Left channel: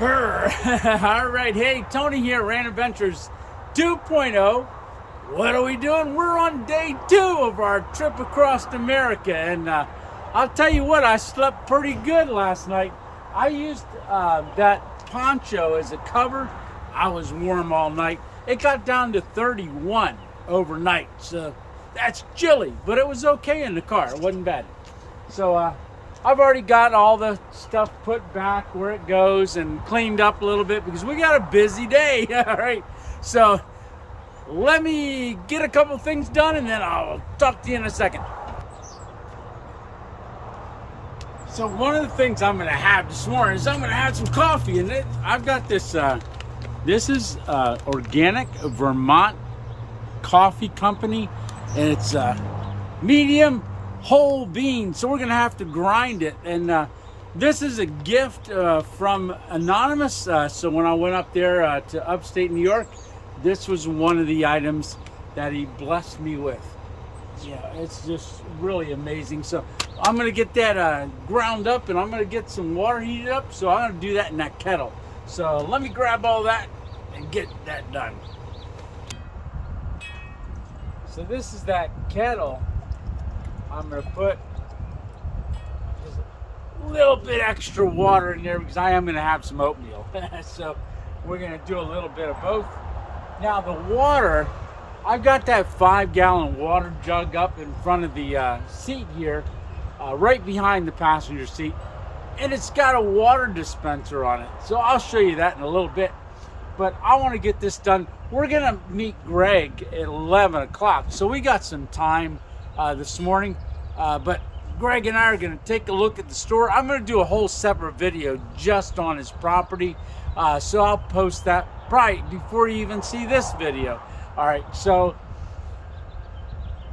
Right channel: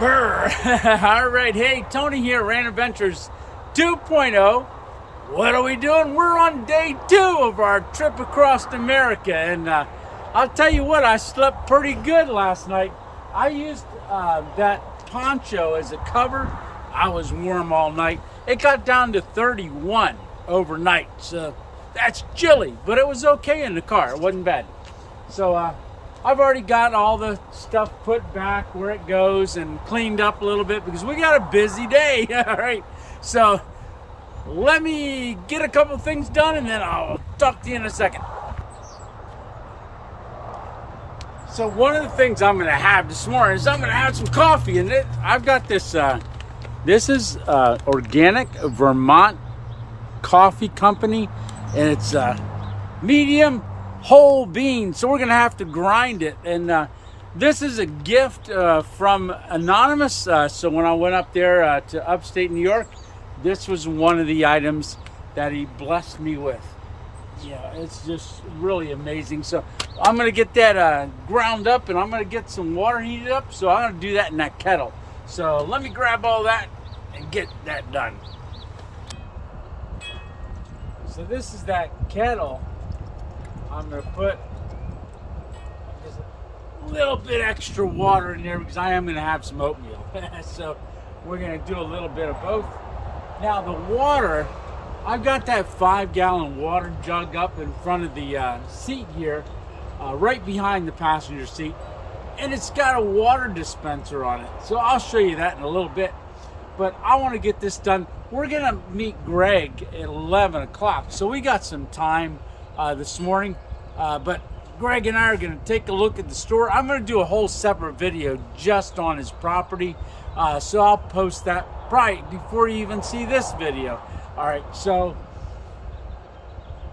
Brr. All right, hey, Tony here, Rand Adventures 2.0. What are we doing? We're on day 2 of our trip across America, and I'll tell you what, I slept pretty good last night. I used that poncho as a cover. I was warm all night. It got down to 31 overnight, so that's chilly, but it was okay in the car. It wasn't bad. So I've already got all the stuff put back where it goes and cleaned up a little bit because we got a busy day. All right, so let me get a couple things done and then I'll talk to you in a second. So one of the things I'm gonna have this morning is I'm gonna have some coffee, and I've got this, this is organic Vermont coffee company, and it's medium whole beans, so we're gonna have to grind it. And this is a gift from Anonymous. So when I went up there to upstate New York, this was one of the items that he blessed me with. Yeah, it's just really amazing. So I'm gonna get that ground up, and I'm gonna get some water heated up, so I'm gonna do that in that kettle. So let me grab all that and get that done. So this is that kettle. I'm gonna put just a little bit extra water in there because I am gonna have some oatmeal. So we're gonna do a little bit of both. Now the water, I've got that 5-gallon water jug up in front of the seat here, right behind the passenger seat, and it's got a water dispenser on it. So I'll show you that in a little bit, but I want to get this done. We're gonna meet Greg at 11 o'clock, so we got some time this morning, but Greg and I are going to take a look at the store. I'm going to do a whole separate video just on his property, so I'll post that probably before you even see this video. All right, so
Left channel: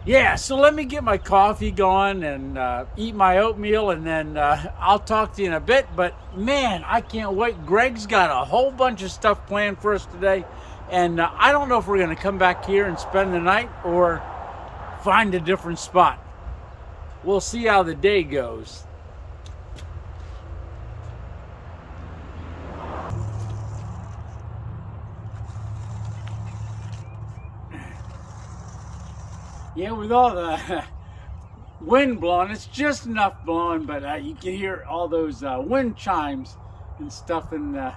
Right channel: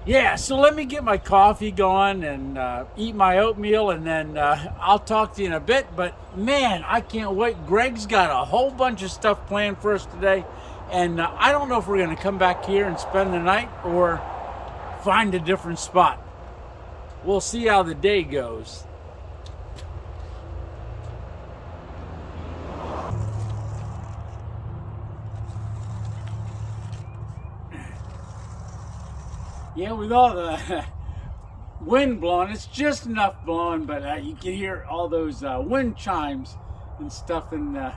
yeah, so let me get my coffee going and eat my oatmeal, and then I'll talk to you in a bit. But man, I can't wait. Greg's got a whole bunch of stuff planned for us today, and I don't know if we're going to come back here and spend the night or find a different spot. We'll see how the day goes. Yeah, with all the wind blowing, it's just enough blowing, but you can hear all those wind chimes and stuff in the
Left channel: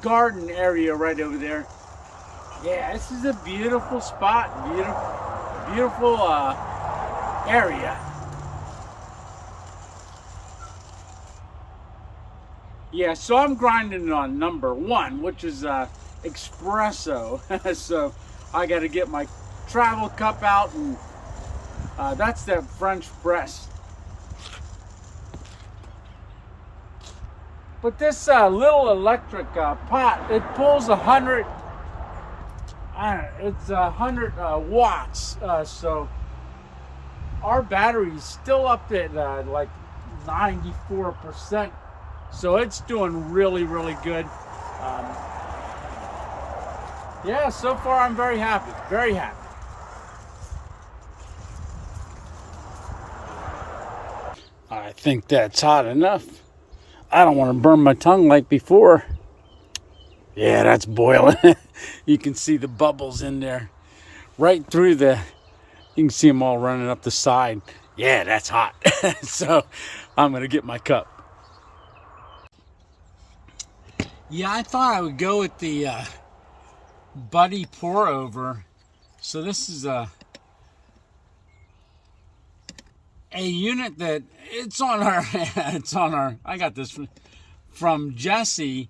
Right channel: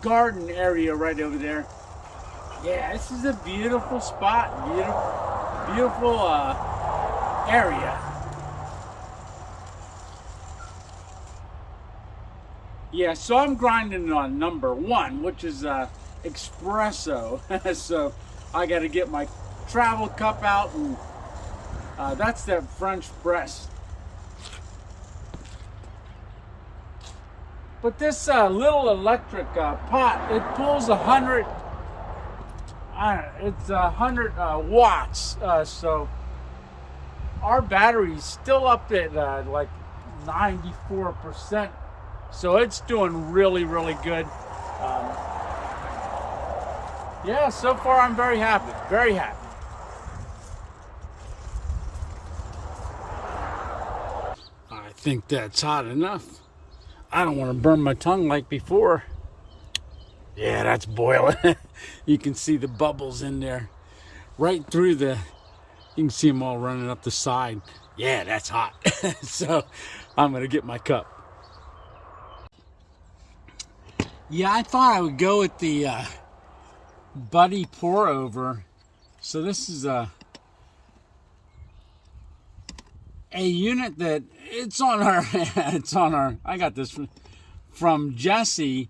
garden area right over there. Yeah, this is a beautiful spot, beautiful area. Yeah, so I'm grinding on number 1, which is espresso. So I got to get my travel cup out, and that's that French press. But this little electric pot, it pulls 100. It's 100 watts, so our battery's still up at like 94%, so it's doing really good. Yeah, so far I'm very happy. I think that's hot enough. I don't want to burn my tongue like before. Yeah, that's boiling. You can see the bubbles in there. Right through you can see them all running up the side. Yeah, that's hot. So I'm going to get my cup. Yeah, I thought I would go with the Buddy pour over. So this is a unit that it's on our, I got this from Jesse.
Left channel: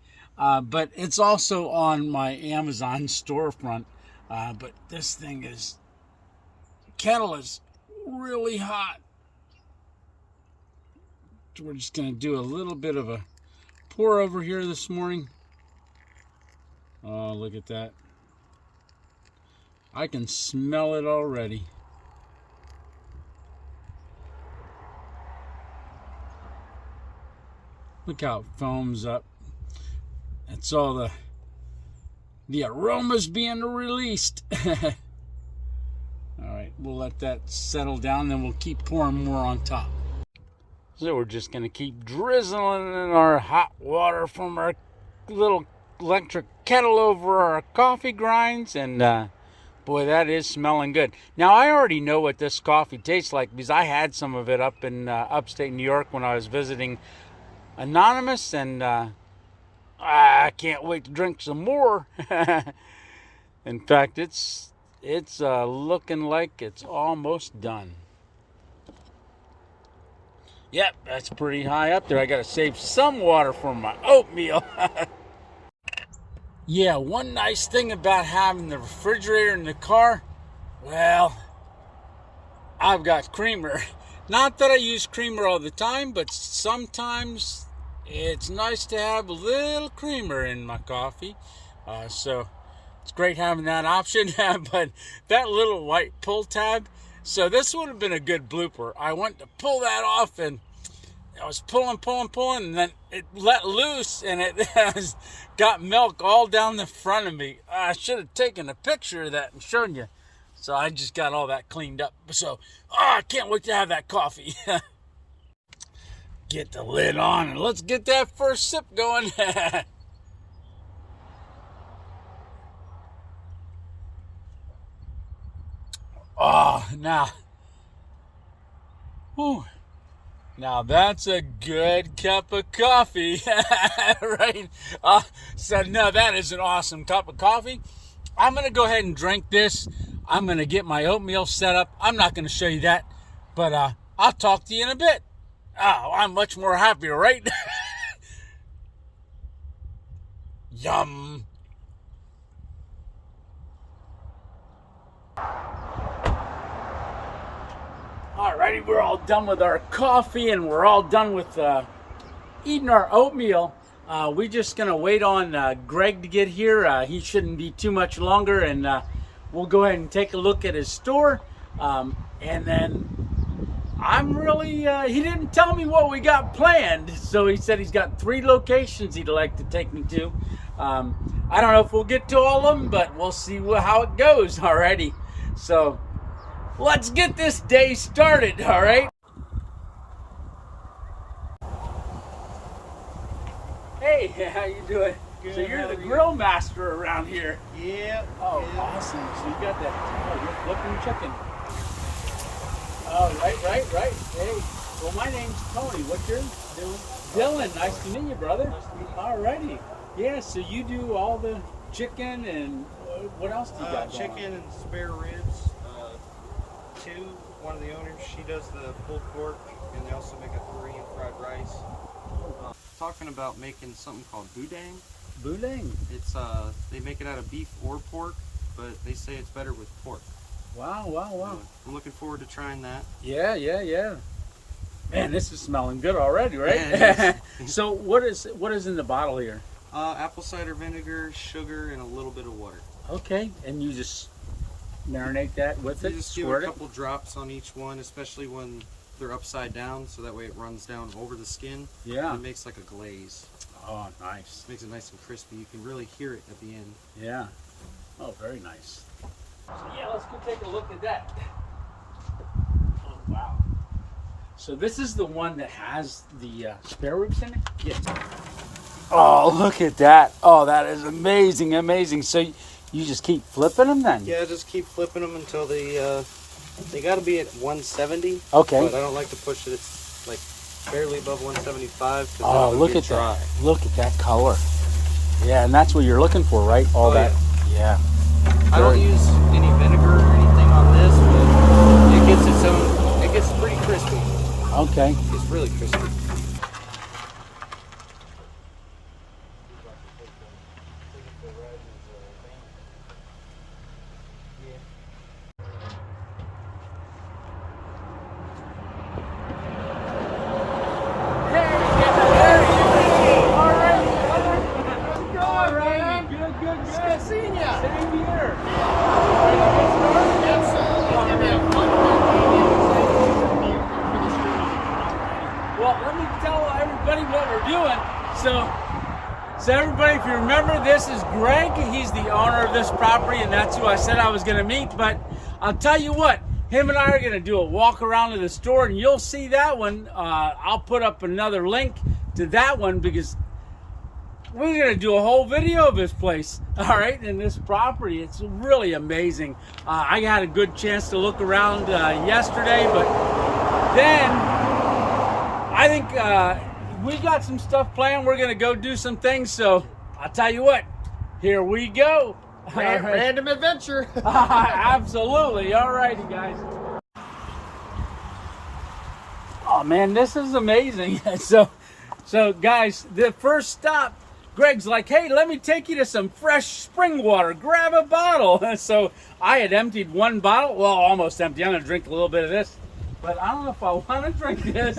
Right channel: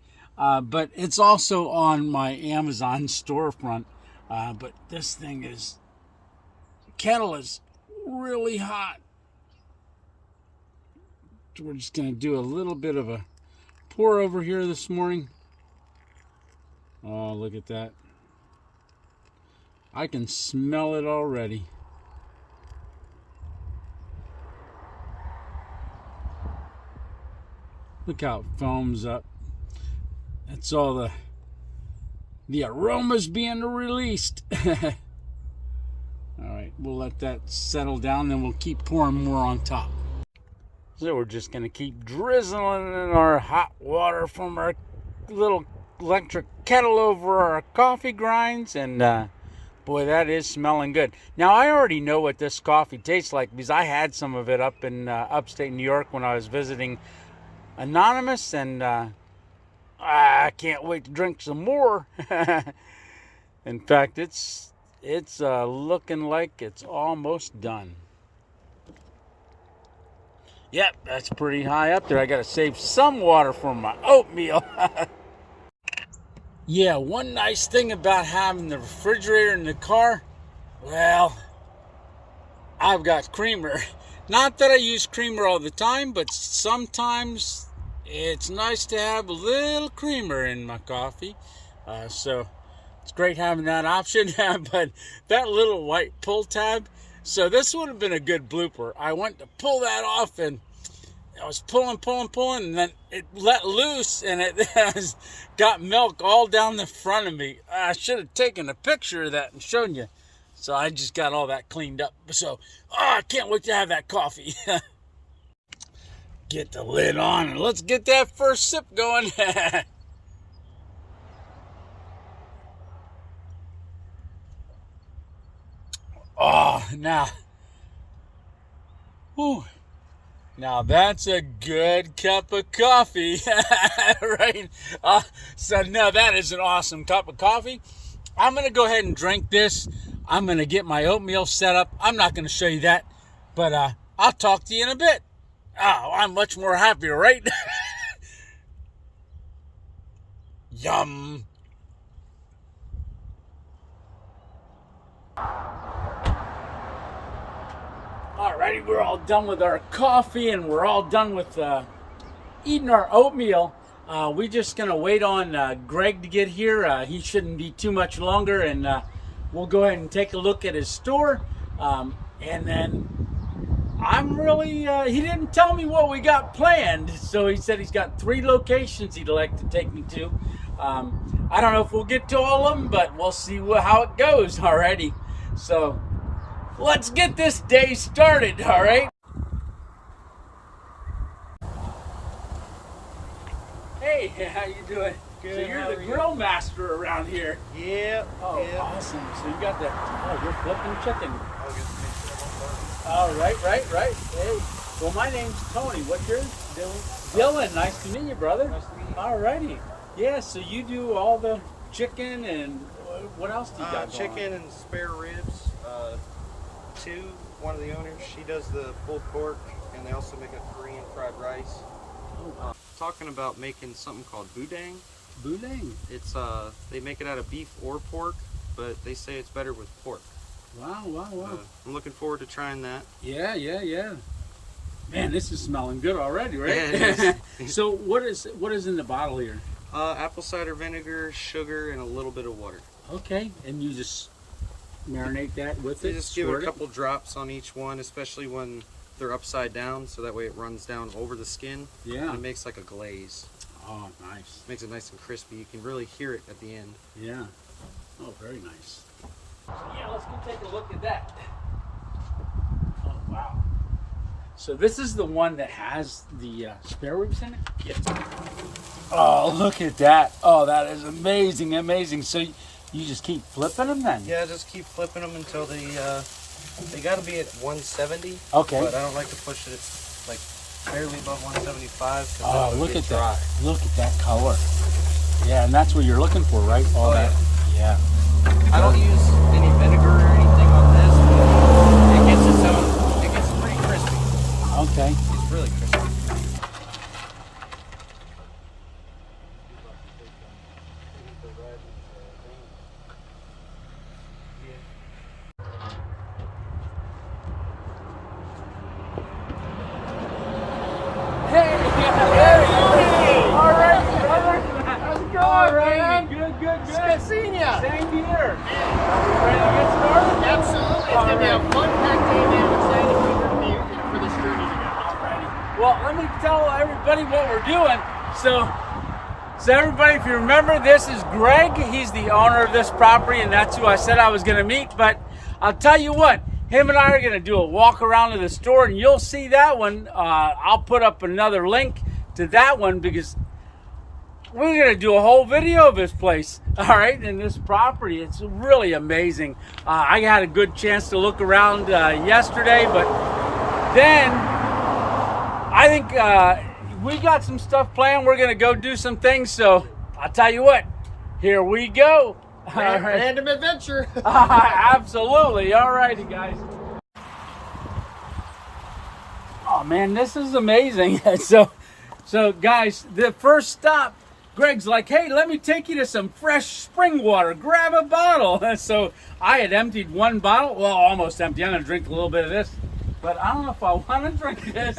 But it's also on my Amazon storefront. But this thing kettle is really hot. So we're just going to do a little bit of a pour over here this morning. Oh, look at that. I can smell it already. Look how it foams up. That's all the aromas being released. All right, we'll let that settle down, then we'll keep pouring more on top. So we're just going to keep drizzling in our hot water from our little electric kettle over our coffee grinds. And boy, that is smelling good. Now, I already know what this coffee tastes like because I had some of it up in upstate New York when I was visiting Anonymous. And I can't wait to drink some more. In fact, it's looking like it's almost done. Yep, that's pretty high up there. I got to save some water for my oatmeal. Yeah, one nice thing about having the refrigerator in the car, well, I've got creamer. Not that I use creamer all the time, but sometimes it's nice to have a little creamer in my coffee. So it's great having that option. But that little white pull tab, so this would have been a good blooper. I went to pull that off and I was pulling, and then it let loose and it has got milk all down the front of me. I should have taken a picture of that and shown you. So I just got all that cleaned up. So, I can't wait to have that coffee. Get the lid on and let's get that first sip going. Oh, now that's a good cup of coffee, right? So no, that is an awesome cup of coffee. I'm going to go ahead and drink this. I'm going to get my oatmeal set up. I'm not going to show you that, but I'll talk to you in a bit. Oh, I'm much more happier, right? Yum. Alrighty, we're all done with our coffee and we're all done with eating our oatmeal. We're just going to wait on Greg to get here. He shouldn't be too much longer, and we'll go ahead and take a look at his store. And then he didn't tell me what we got planned, so he said he's got 3 locations he'd like to take me to. I don't know if we'll get to all of them, but we'll see how it goes. Alrighty, so let's get this day started, all right? Hey, how you doing? Good. So you're the grill master around here. Yeah. Oh, yeah. Awesome. So you got that, you're flipping chicken. Oh, right. Hey, well, my name's Tony. What's yours? Dylan, nice to meet you, brother. Nice to meet you. All righty. Yeah, so you do all the chicken and what else do you got going on? Chicken and spare ribs. One of the owners, she does the pulled pork, and they also make a Korean fried rice. Oh, wow. Talking about making something called boudin. Boudin. It's they make it out of beef or pork, but they say it's better with pork. Wow. I'm looking forward to trying that. Yeah. Man, this is smelling good already, right? Yeah, So what is in the bottle here? Apple cider vinegar, sugar, and a little bit of water. Okay, and you just marinate that with it? You just give a couple drops on each one, especially when they're upside down, so that way it runs down over the skin. Yeah. And it makes like a glaze. Oh, nice. Makes it nice and crispy. You can really hear it at the end. Yeah. Oh, very nice. So yeah, let's go take a look at that. Oh, wow. So this is the one that has the spare ribs in it? Yes. Oh, look at that. Oh, that is amazing. So you just keep flipping them then? Yeah, just keep flipping them until they got to be at 170. Okay. But I don't like to push it like barely above 175. Oh, look at that. Look at that color. Yeah, and that's what you're looking for, right? All that. Yeah. I don't use any vinegar or anything on this, but it gets its own. It gets pretty crispy. Okay. It's really crispy. Good. Good seeing ya. Same here. Are we ready to get started? Absolutely. It's going to be a fun-packed day, and I'm excited for this journey. Alrighty. Well, let me tell everybody what we're doing. So everybody, if you remember, this is Greg. He's the owner of this property, and that's who I said I was going to meet. But I'll tell you what, him and I are going to do a walk around to the store, and you'll see that one. I'll put up another link to that one because we're going to do a whole video of this place, all right, and this property. It's really amazing. I had a good chance to look around yesterday, but then I think we got some stuff planned. We're going to go do some things, so I'll tell you what, here we go. Random adventure. Absolutely. All righty, guys. Oh man, this is amazing. So guys, the first stop, Greg's like, hey, let me take you to some fresh spring water. Grab a bottle. So I had emptied one bottle. Well, almost empty. I'm going to drink a little bit of this, but I don't know if I want to drink this.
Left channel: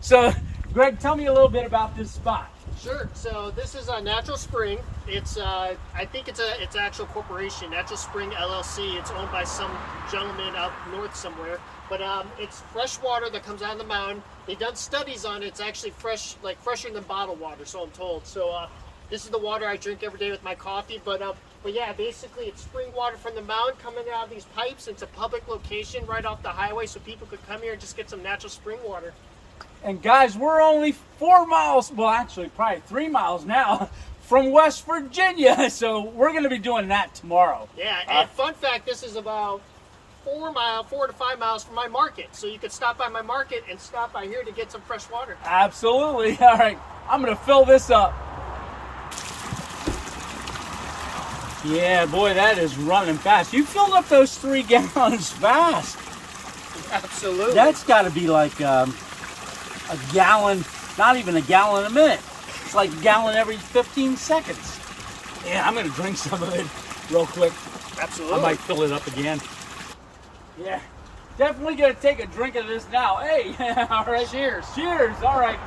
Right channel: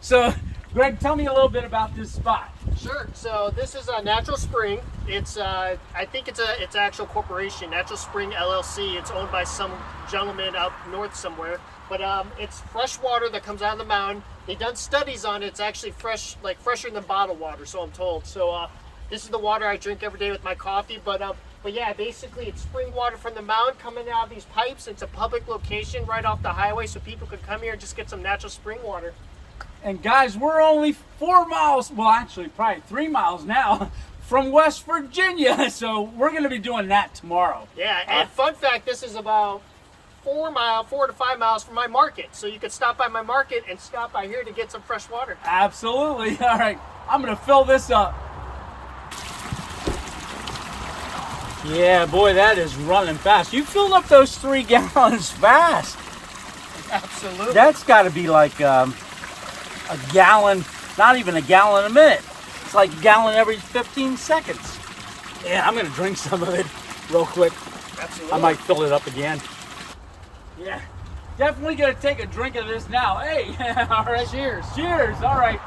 So Greg, tell me a little bit about this spot. Sure. So this is a Natural Spring. It's I think it's an actual corporation, Natural Spring LLC. It's owned by some gentleman up north somewhere. But it's fresh water that comes out of the mountain. They've done studies on it. It's actually fresh, like fresher than bottled water, so I'm told. So this is the water I drink every day with my coffee. But yeah, basically it's spring water from the mountain coming out of these pipes. It's a public location right off the highway, so people could come here and just get some natural spring water. And guys, we're only 4 miles, well actually probably 3 miles now, from West Virginia. So we're going to be doing that tomorrow. Yeah, and fun fact, this is about 4 to 5 miles from my market. So you could stop by my market and stop by here to get some fresh water. Absolutely. All right, I'm going to fill this up. Yeah, boy, that is running fast. You filled up those 3 gallons fast. Absolutely. That's got to be like a gallon, not even a gallon a minute. It's like a gallon every 15 seconds. Yeah, I'm going to drink some of it real quick. Absolutely. I might fill it up again. Yeah, definitely going to take a drink of this now. Hey, all right. Cheers. Cheers. All right.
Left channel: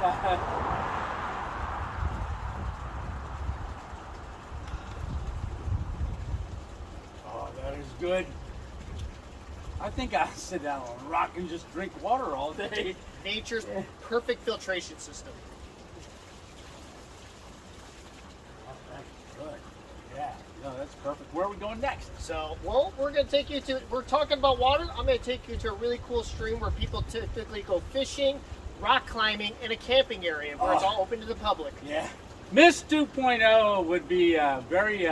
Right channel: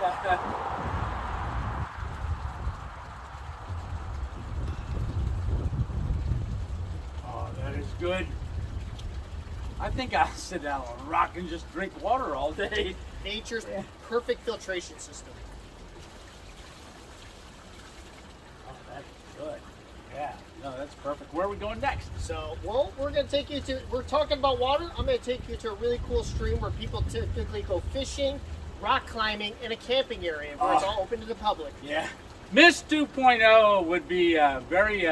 Oh, that is good. I think I'll sit down on a rock and just drink water all day. Nature's perfect filtration system. Oh, that's good. Yeah, no, that's perfect. Where are we going next? So, well, we're going to take you to, we're talking about water. I'm going to take you to a really cool stream where people typically go fishing, rock climbing, and a camping area where it's all open to the public. Yeah. Miss 2.0 would be very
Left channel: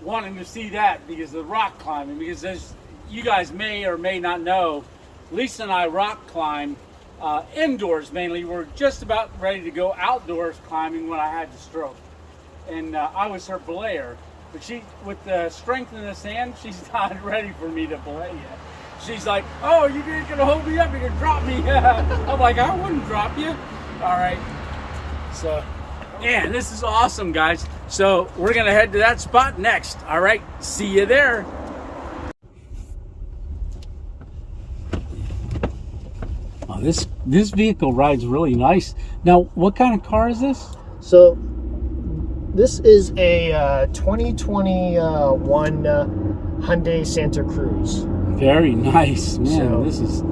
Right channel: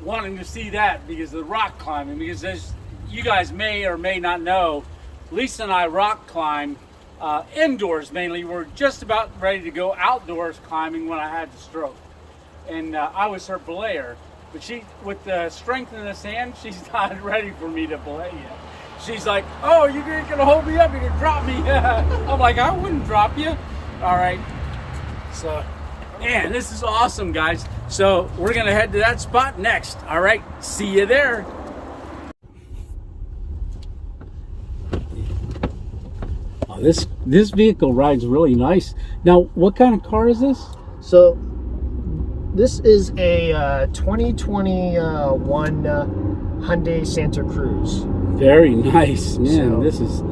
wanting to see that because of the rock climbing. Because as you guys may or may not know, Lisa and I rock climb indoors mainly. We're just about ready to go outdoors climbing when I had the stroke. And I was her belayer. But she, with the strength in this hand, she's not ready for me to belay yet. She's like, oh, you're going to hold me up, you're going to drop me. I'm like, I wouldn't drop you. All right. So, man, this is awesome, guys. So we're going to head to that spot next. All right. See you there. Oh, this vehicle rides really nice. Now, what kind of car is this? So, this is a 2021 Hyundai Santa Cruz. Very nice, man. So, this is,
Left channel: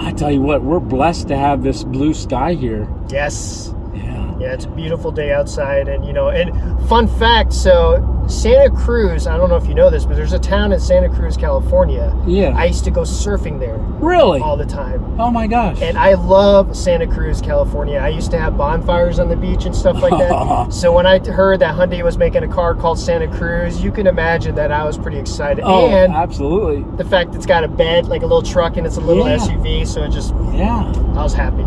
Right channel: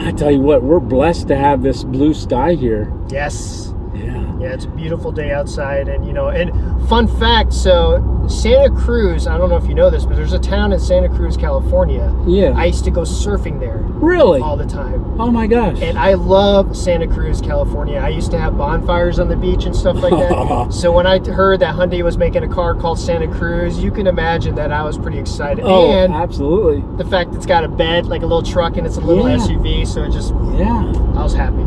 I tell you what, we're blessed to have this blue sky here. Yes. Yeah. Yeah, it's a beautiful day outside, and you know, and fun fact, so Santa Cruz, I don't know if you know this, but there's a town in Santa Cruz, California. Yeah. I used to go surfing there. Really? All the time. Oh my gosh. And I love Santa Cruz, California. I used to have bonfires on the beach and stuff like that. So when I heard that Hyundai was making a car called Santa Cruz, you can imagine that I was pretty excited. Oh, and absolutely. the fact it's got a bed, like a little truck, and it's a little SUV, so it just, yeah. I was happy.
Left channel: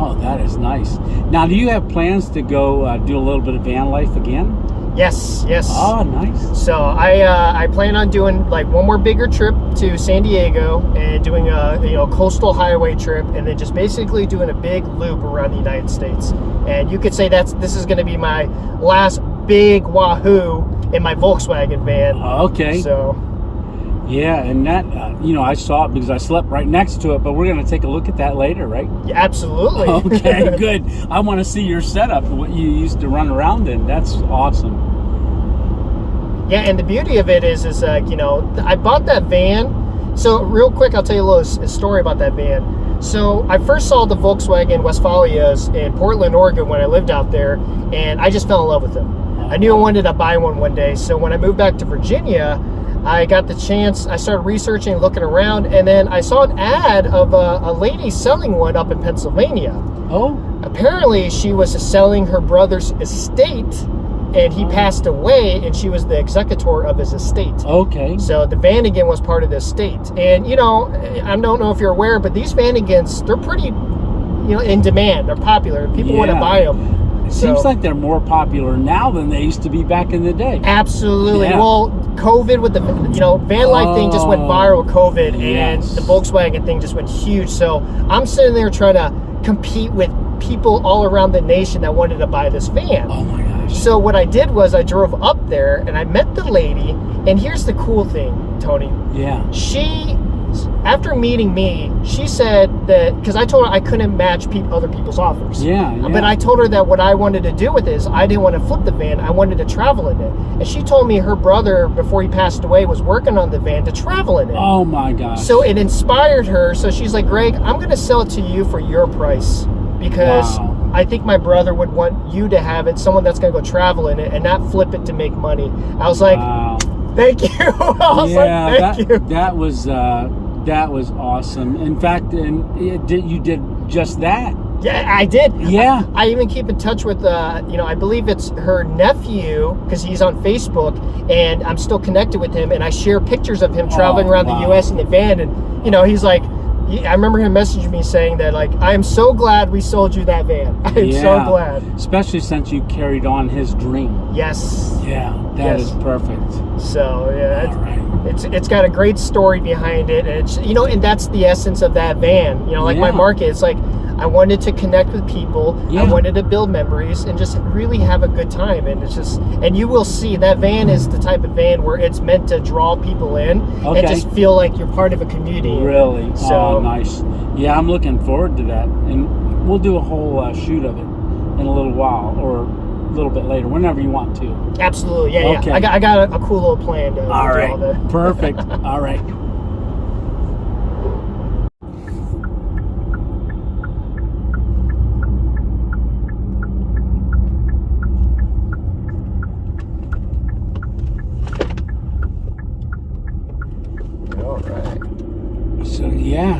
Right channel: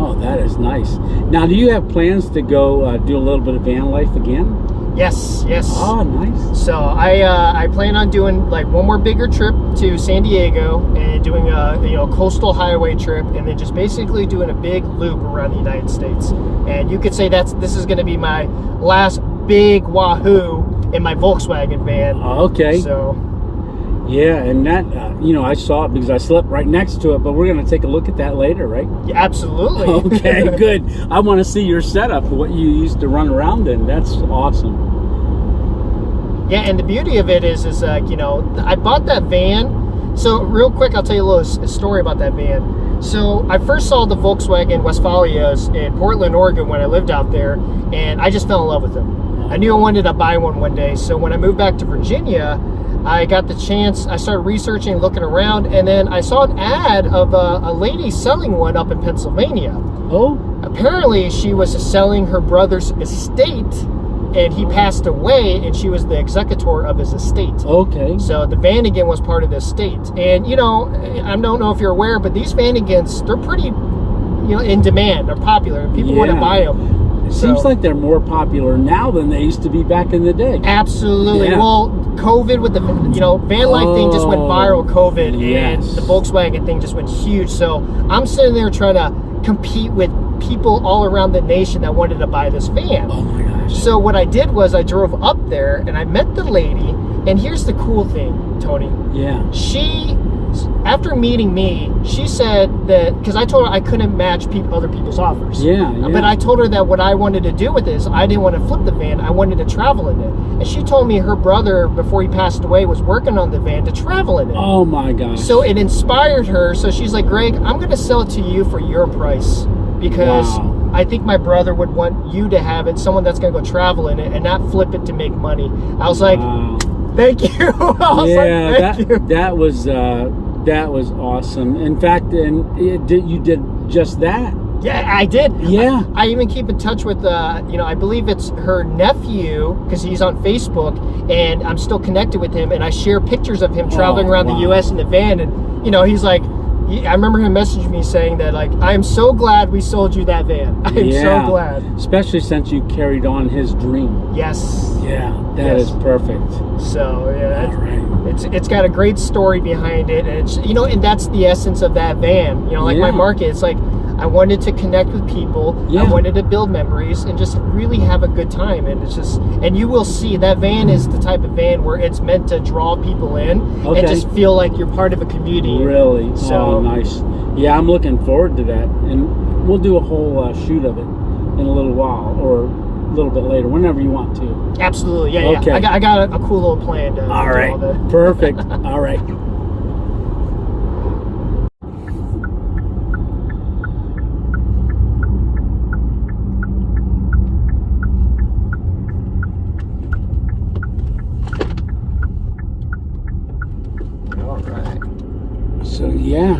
Oh, that is nice. Now, do you have plans to go do a little bit of van life again? Yes. Oh, nice. So I plan on doing like one more bigger trip to San Diego and doing a coastal highway trip, and then just basically doing a big loop around the United States. And you could say this is going to be my last big wahoo in my Volkswagen van. Okay. So. Yeah, and that, I saw it because I slept right next to it, but we're going to take a look at that later, right? Yeah, absolutely. Okay, good. I want to see your setup, what you used to run around in. That's awesome. Yeah, and the beauty of it is I bought that van. So real quick, I'll tell you a little story about that van. So I first saw the Volkswagen Westfalias in Portland, Oregon when I lived out there, and I just fell in love with them. I knew I wanted to buy one day. So when I moved back to Virginia, I got the chance, I started researching, looking around, and then I saw an ad of a lady selling one up in Pennsylvania. Oh. Apparently, she was selling her brother's estate, and he passed away, and she was the executor of his estate. Okay. So the Vannigan was part of the estate. And, you know, I don't know if you're aware, but these Vannigans, they're pretty, you know, in demand. They're popular. People want to buy them. It seems like they're more popular now than they used to be back in the day. Absolutely. Yeah. Well, COVID with the, you know, van life thing just went viral, COVID, and the Volkswagen thing just went huge. So I'm sitting there trying to compete with people all around the nation that wanted to buy this van. Oh my gosh. So what I did was I drove up there and I met the lady, and here's the cool thing, Tony. Yeah. She, after meeting me, she said that, because I told her I couldn't match other people's offers. Yeah, yeah. But I told her that what I wanted to do with it is I didn't want to flip the van, I wanted to travel in it. And she told me her brother, before he passed away, was working on the van to travel in it. Oh my gosh. So it inspired her. So she's like, Greg, I'm going to sell it to you for your price, because I think my brother would want you to have it, someone that's going to go travel in it and not flip it to make money. I was like, thank you. That was awesome. In fact, you did just that. Yeah, I did. Yeah. I even keep in touch with, you know, I believe it's her nephew, because he's on Facebook, and I'm still connected with him, and I share pictures of him traveling around the U.S. in the van, and, you know, he's like, I remember him messaging me saying that, like, I'm so glad we sold you that van. I'm so glad. Especially since you carried on his dream. Yes. Yeah, that is perfect. So, yeah. All right. It's got a great story behind it. And it's, you know, and that's the essence of that van. You know, like my market, it's like, I wanted to connect with people. I wanted to build memories and just really have a good time. And it's just, and you will see that van is the type of van where it's meant to draw people in and just feel like you're part of a community. Really? So, oh, nice. Yeah, I'm looking forward to that. And we'll do a whole shoot of it in a little while, or a little bit later, whenever you want to. Absolutely. Yeah. Okay. I got a cool little plan to all right. Perfect. All right.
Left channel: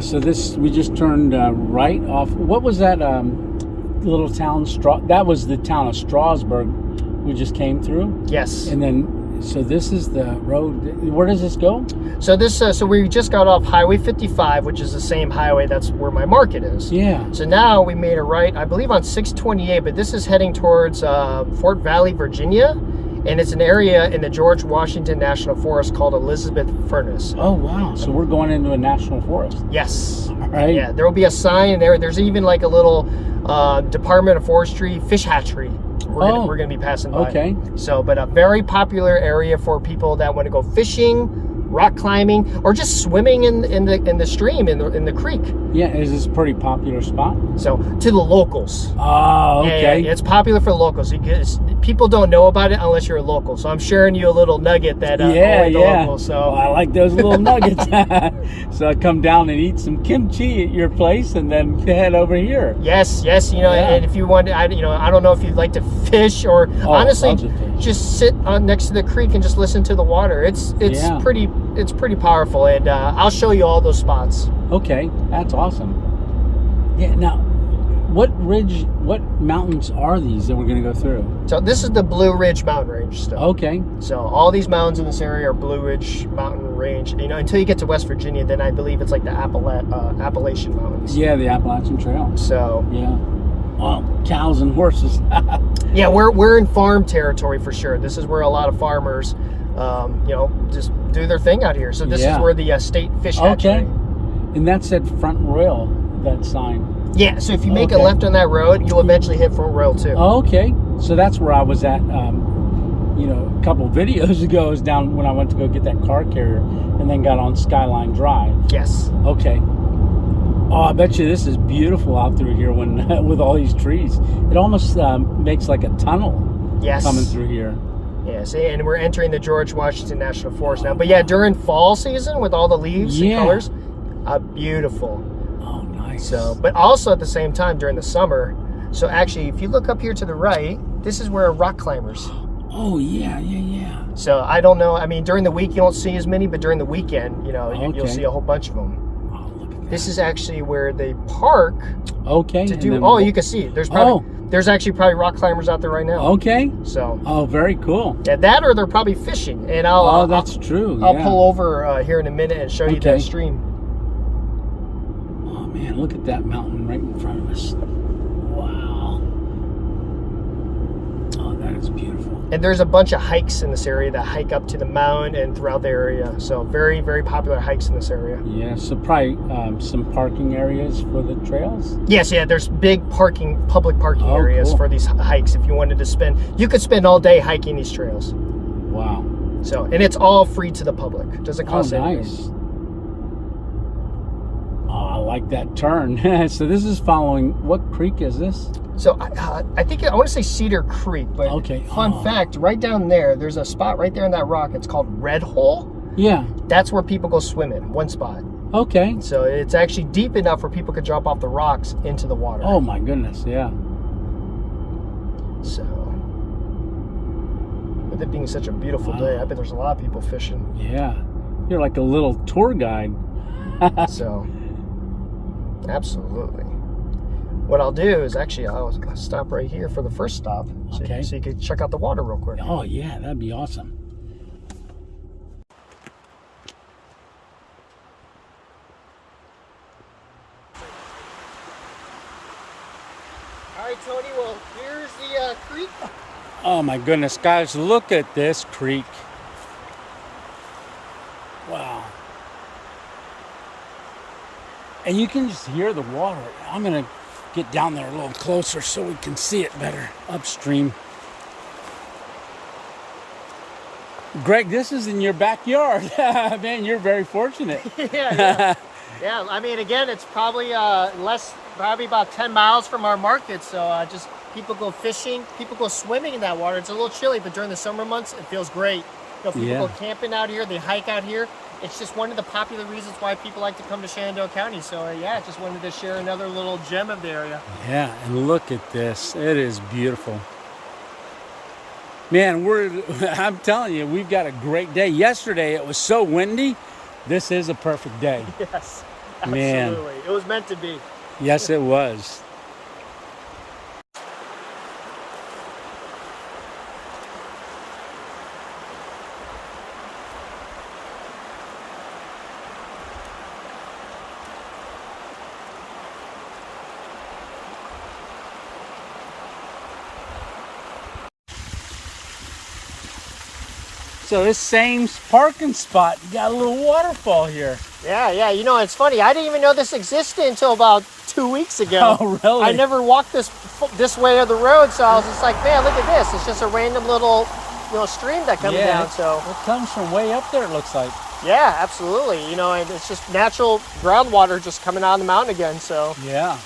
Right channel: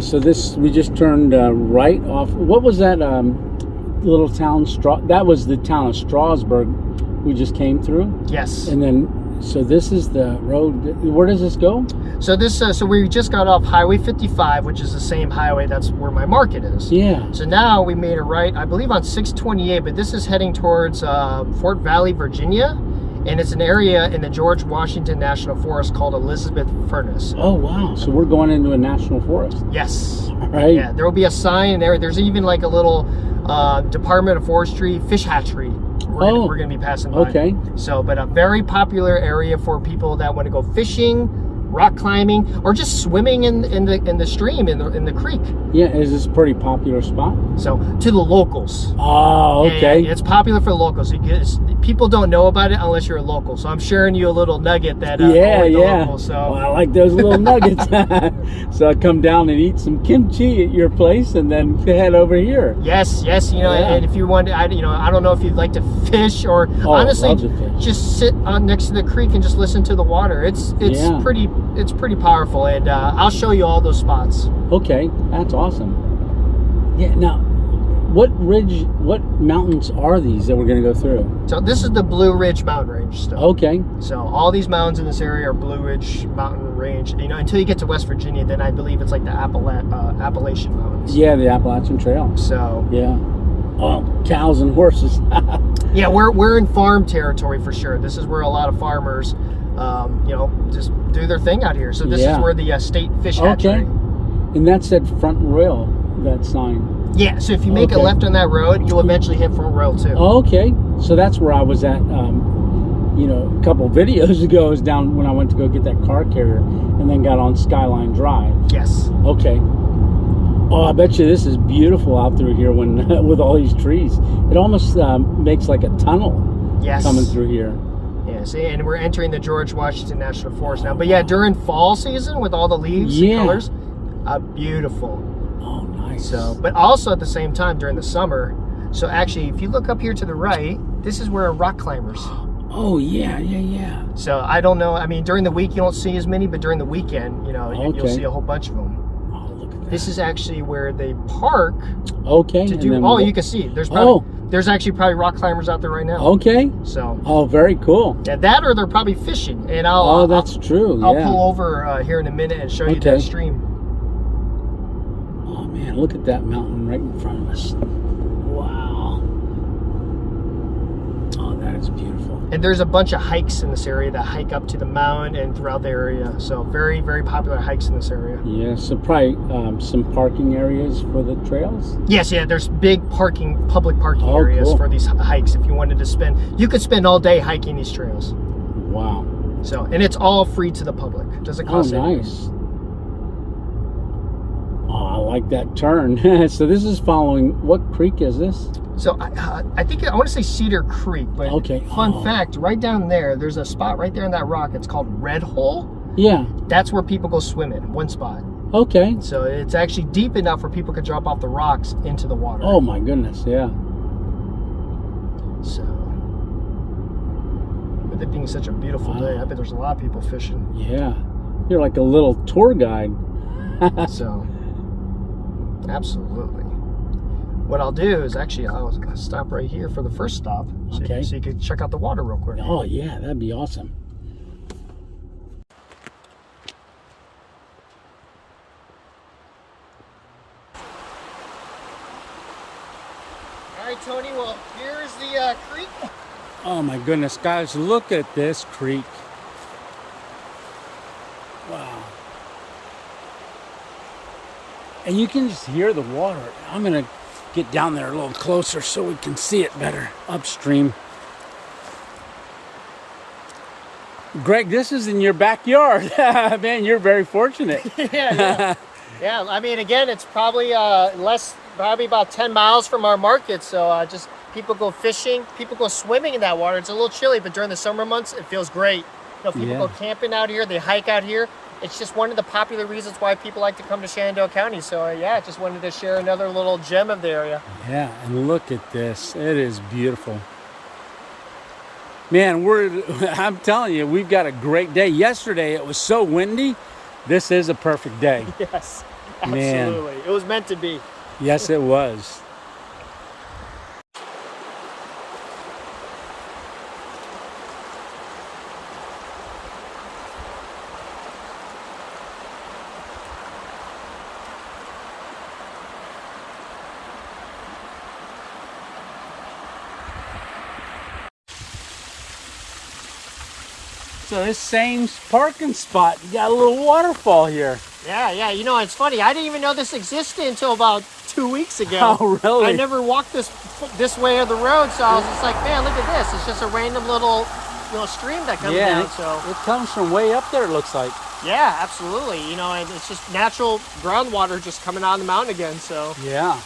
So this, we just turned right off. What was that little town? That was the town of Strasburg we just came through. Yes. And then, so this is the road. Where does this go? So this, so we just got off Highway 55, which is the same highway that's where my market is. Yeah. So now we made a right, I believe on 628, but this is heading towards Fort Valley, Virginia. And it's an area in the George Washington National Forest called Elizabeth Furnace. Oh, wow. So we're going into a national forest. Yes. All right. Yeah, there will be a sign there. There's even like a little Department of Forestry fish hatchery. We're going to be passing by. Okay. So, but a very popular area for people that want to go fishing, rock climbing, or just swimming in the stream, in the creek. Yeah, is this a pretty popular spot? So, to the locals. Oh, okay. Yeah, it's popular for the locals because people don't know about it unless you're a local. So I'm sharing you a little nugget that locals, so. Well, I like those little nuggets. So I come down and eat some kimchi at your place and then head over here. Yes, you know, and if you want to, I don't know if you'd like to fish or honestly just sit next to the creek and just listen to the water. It's pretty powerful, and I'll show you all those spots. Okay, that's awesome. Yeah, now what mountains are these that we're going to go through? So this is the Blue Ridge Mountain Range stuff. Okay. So all these mountains in this area are Blue Ridge Mountain Range. You know, until you get to West Virginia, then I believe it's like the Appalachian Mountains. Yeah, the Appalachian Trail. So yeah. Oh, cows and horses. Yeah, we're in farm territory for sure. This is where a lot of farmers, you know, just do their thing out here. So this is where the state fish hatchery. Okay. And that's at Front Royal, that sign. Yeah, so if you make a left on that road, you'll eventually hit Front Royal too. Oh, okay. So that's where I was at, you know, a couple videos ago. I was down when I went to go get that car carrier and then got on Skyline Drive. Yes. Okay. Oh, I bet you this is beautiful out through here when with all these trees. It almost makes like a tunnel coming through here. Yeah, see, and we're entering the George Washington National Forest now. But yeah, during fall season with all the leaves and colors, beautiful. Oh, nice. So, but also at the same time during the summer. So actually, if you look up here to the right, this is where rock climbers. Oh, yeah, yeah, yeah. So I don't know. I mean, during the week you don't see as many, but during the weekend, you know, you'll see a whole bunch of them. Oh, look at that. This is actually where they park. Okay. To do. Oh, you can see. There's actually probably rock climbers out there right now. Okay. So. Oh, very cool. Yeah, that or they're probably fishing. And that's true. I'll pull over here in a minute and show you that stream. Oh man, look at that mountain right in front of us. Wow. Oh, that is beautiful. And there's a bunch of hikes in this area that hike up to the mountain and throughout the area. So very, very popular hikes in this area. Yeah, so probably some parking areas for the trails? Yes, yeah, there's big public parking areas for these hikes if you wanted to spend. You could spend all day hiking these trails. Wow. So, and it's all free to the public. It doesn't cost anything. Nice. Oh, I like that turn. So this is following, what creek is this? So I think I want to say Cedar Creek, but fun fact, right down there, there's a spot right there in that rock. It's called Red Hole. Yeah. That's where people go swimming, one spot. Okay. So it's actually deep enough where people could jump off the rocks into the water. Oh my goodness, yeah. So, with it being such a beautiful day, I bet there's a lot of people fishing. Yeah. You're like a little tour guide. So, absolutely. What I'll do is I'll stop right here for the first stop. So you can check out the water real quick. Oh yeah, that'd be awesome. All right, Tony, well, here's the creek. Oh my goodness, guys, look at this creek. Wow. And you can just hear the water. I'm gonna get down there a little closer so we can see it better upstream. Greg, this is in your backyard. Man, you're very fortunate. Yeah. I mean, again, it's probably probably about 10 miles from our market. So just people go fishing, people go swimming in that water. It's a little chilly, but during the summer months, it feels great. You know, people go camping out here, they hike out here. It's just one of the popular reasons why people like to come to Shenandoah County. So yeah, just wanted to share another little gem of the area. Yeah, and look at this. It is beautiful. Man, I'm telling you, we've got a great day. Yesterday, it was so windy. This is a perfect day. Yes, man. Absolutely. It was meant to be. Yes, it was. So this same parking spot, you got a little waterfall here. Yeah. You know, it's funny. I didn't even know this existed until about 2 weeks ago. Oh, really? I never walked this way of the road, so I was just like, man, look at this. It's just a random little stream that comes down. So it comes from way up there, it looks like. Yeah, absolutely. You know, and it's just natural groundwater just coming out of the mountain again. So yeah.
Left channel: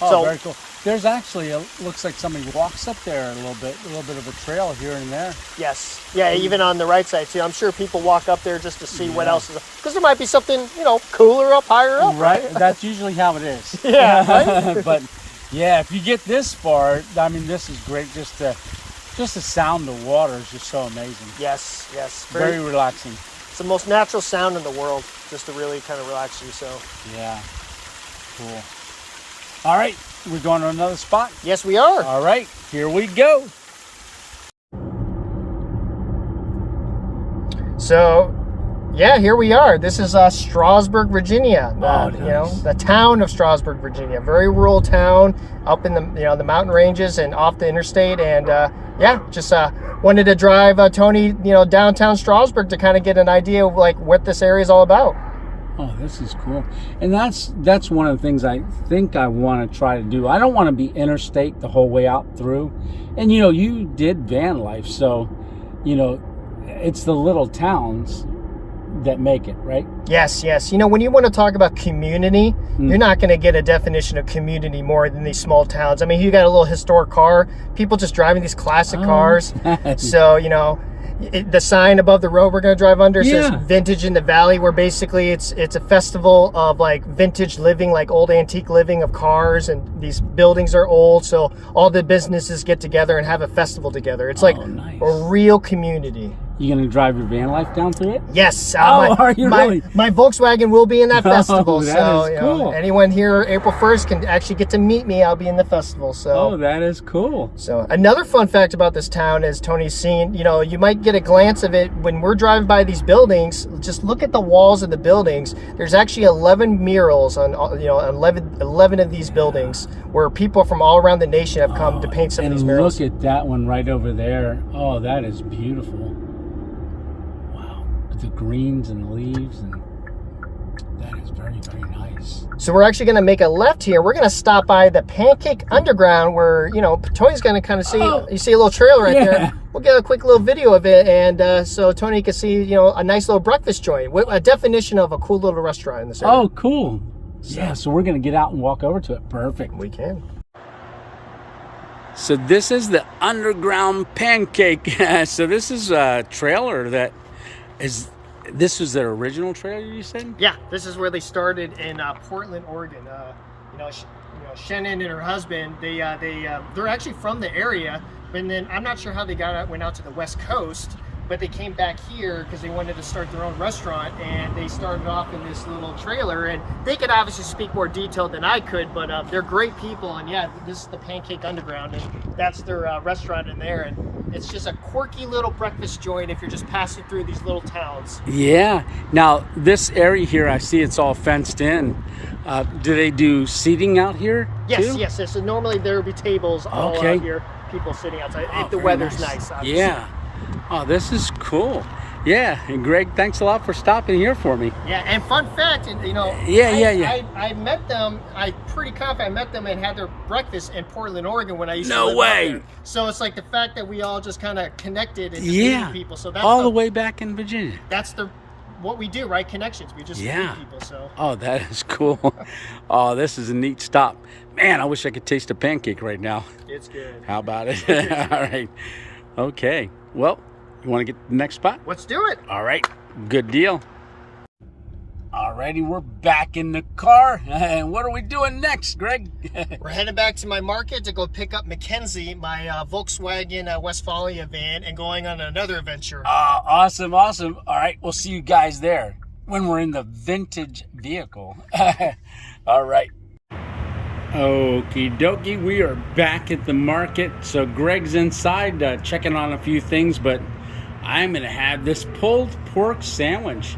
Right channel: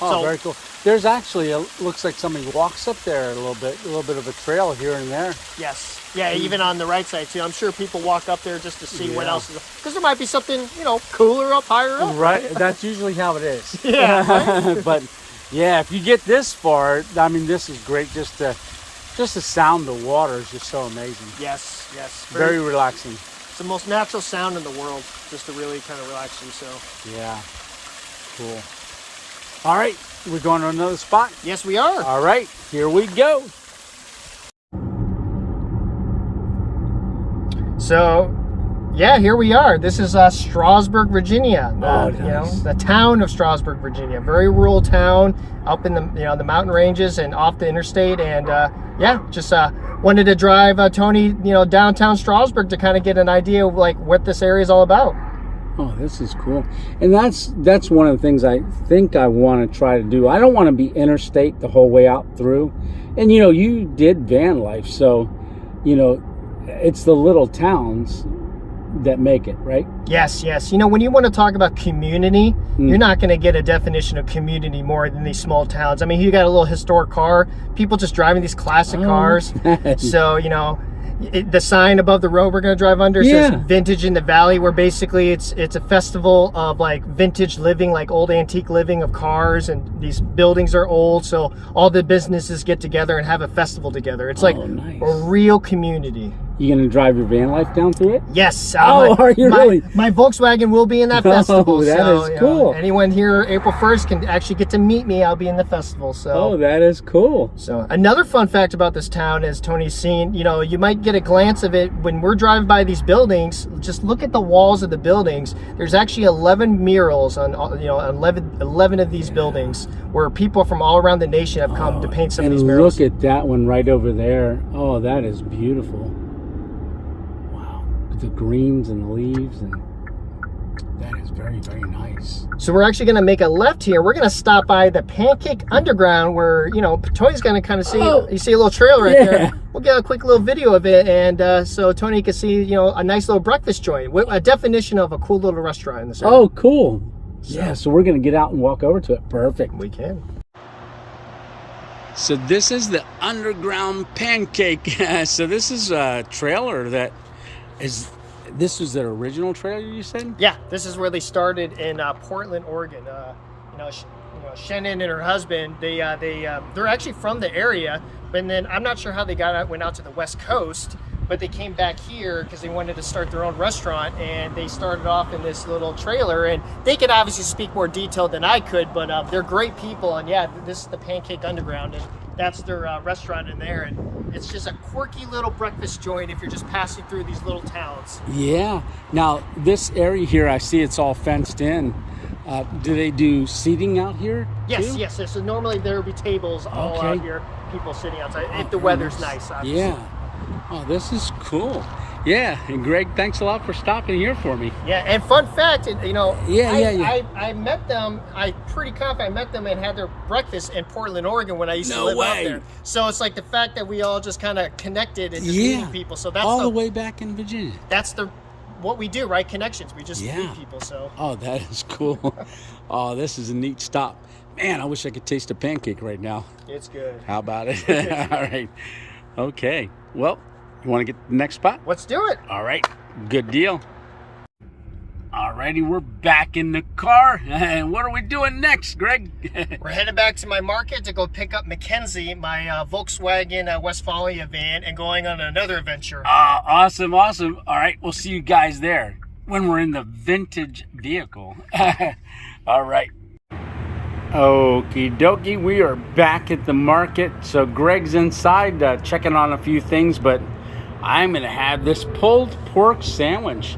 Oh, very cool. There's actually looks like somebody walks up there a little bit of a trail here and there. Yes. Yeah, even on the right side too. I'm sure people walk up there just to see what else is there. Because there might be something, cooler up higher up. Right. That's usually how it is. Yeah. But yeah, if you get this far, I mean, this is great. Just the sound of water is just so amazing. Yes. Very relaxing. It's the most natural sound in the world, just to really kind of relax you. So. Yeah. Cool. All right, we're going to another spot? Yes, we are. All right, here we go. So, yeah, here we are. This is Strasburg, Virginia. Nice. The town of Strasburg, Virginia. Very rural town up in the the mountain ranges and off the interstate. And just wanted to drive Tony, downtown Strasburg to kind of get an idea of like what this area is all about. Oh, this is cool. And that's one of the things I think I want to try to do. I don't want to be interstate the whole way out through. And you did van life, so it's the little towns that make it, right? Yes. When you want to talk about community, you're not going to get a definition of community more than these small towns. I mean, you got a little historic car, people just driving these classic cars. So, the sign above the road we're going to drive under Yeah. says Vintage in the Valley, where basically it's a festival of like vintage living, like old antique living of cars, and these buildings are old, so all the businesses get together and have a festival together. It's like nice. a real community. You gonna drive your van life down through it? Yes. Are you really? My Volkswagen will be in that festival. That so, is cool. Anyone here April 1st can actually get to meet me. I'll be in the festival. So. Oh, that is cool. So another fun fact about this town, as Tony's seen, you might get a glance of it when we're driving by these buildings. Just look at the walls of the buildings. There's actually 11 murals on 11 of these buildings where people from all around the nation have come to paint some of these murals. And look at that one right over there. Oh, that is beautiful. Wow, the greens and the leaves, and that is very, very nice. So we're actually going to make a left here. We're going to stop by the Pancake Underground, where Tony's going to kind of see. You see a little trailer right there. We'll get a quick little video of it, and so Tony can see a nice little breakfast joint, a definition of a cool little restaurant in this area. Oh, cool. Yeah, so we're going to get out and walk over to it. Perfect. We can. So this is the Underground Pancake. So this is a trailer that is. This was their original trailer, you said? Yeah, this is where they started in Portland, Oregon. Shannon and her husband, they're actually from the area, but then I'm not sure how they went out to the West Coast, but they came back here because they wanted to start their own restaurant, and they started off in this little trailer. And they could obviously speak more detail than I could, but they're great people. And yeah, this is the Pancake Underground, and that's their restaurant in there. And it's just a quirky little breakfast joint if you're just passing through these little towns. Yeah. Now, this area here, I see it's all fenced in. Do they do seating out here too? Yes. So normally there will be tables all out here, people sitting outside, if the weather's nice. Obviously. Yeah. Oh, this is cool. Yeah, and Greg, thanks a lot for stopping here for me. Yeah, and fun fact, I met them. I'm pretty confident I met them and had their breakfast in Portland, Oregon when I used to live out there. So it's like the fact that we all just kind of connected and just meeting people. So that's all the way back in Virginia. That's what we do, right? Connections. We just meet people. So. Oh, that is cool. Oh, this is a neat stop. Man, I wish I could taste a pancake right now. It's good. How about it? All right. Okay. Well, you want to get to the next spot? Let's do it. All right. Good deal. Alrighty, we're back in the car. And what are we doing next, Greg? We're heading back to my market to go pick up Mackenzie, my Volkswagen Westphalia van, and going on another adventure. Awesome. All right, we'll see you guys there when we're in the vintage vehicle. All right. Okie dokie, we are back at the market. So Greg's inside checking on a few things, but I'm going to have this pulled pork sandwich.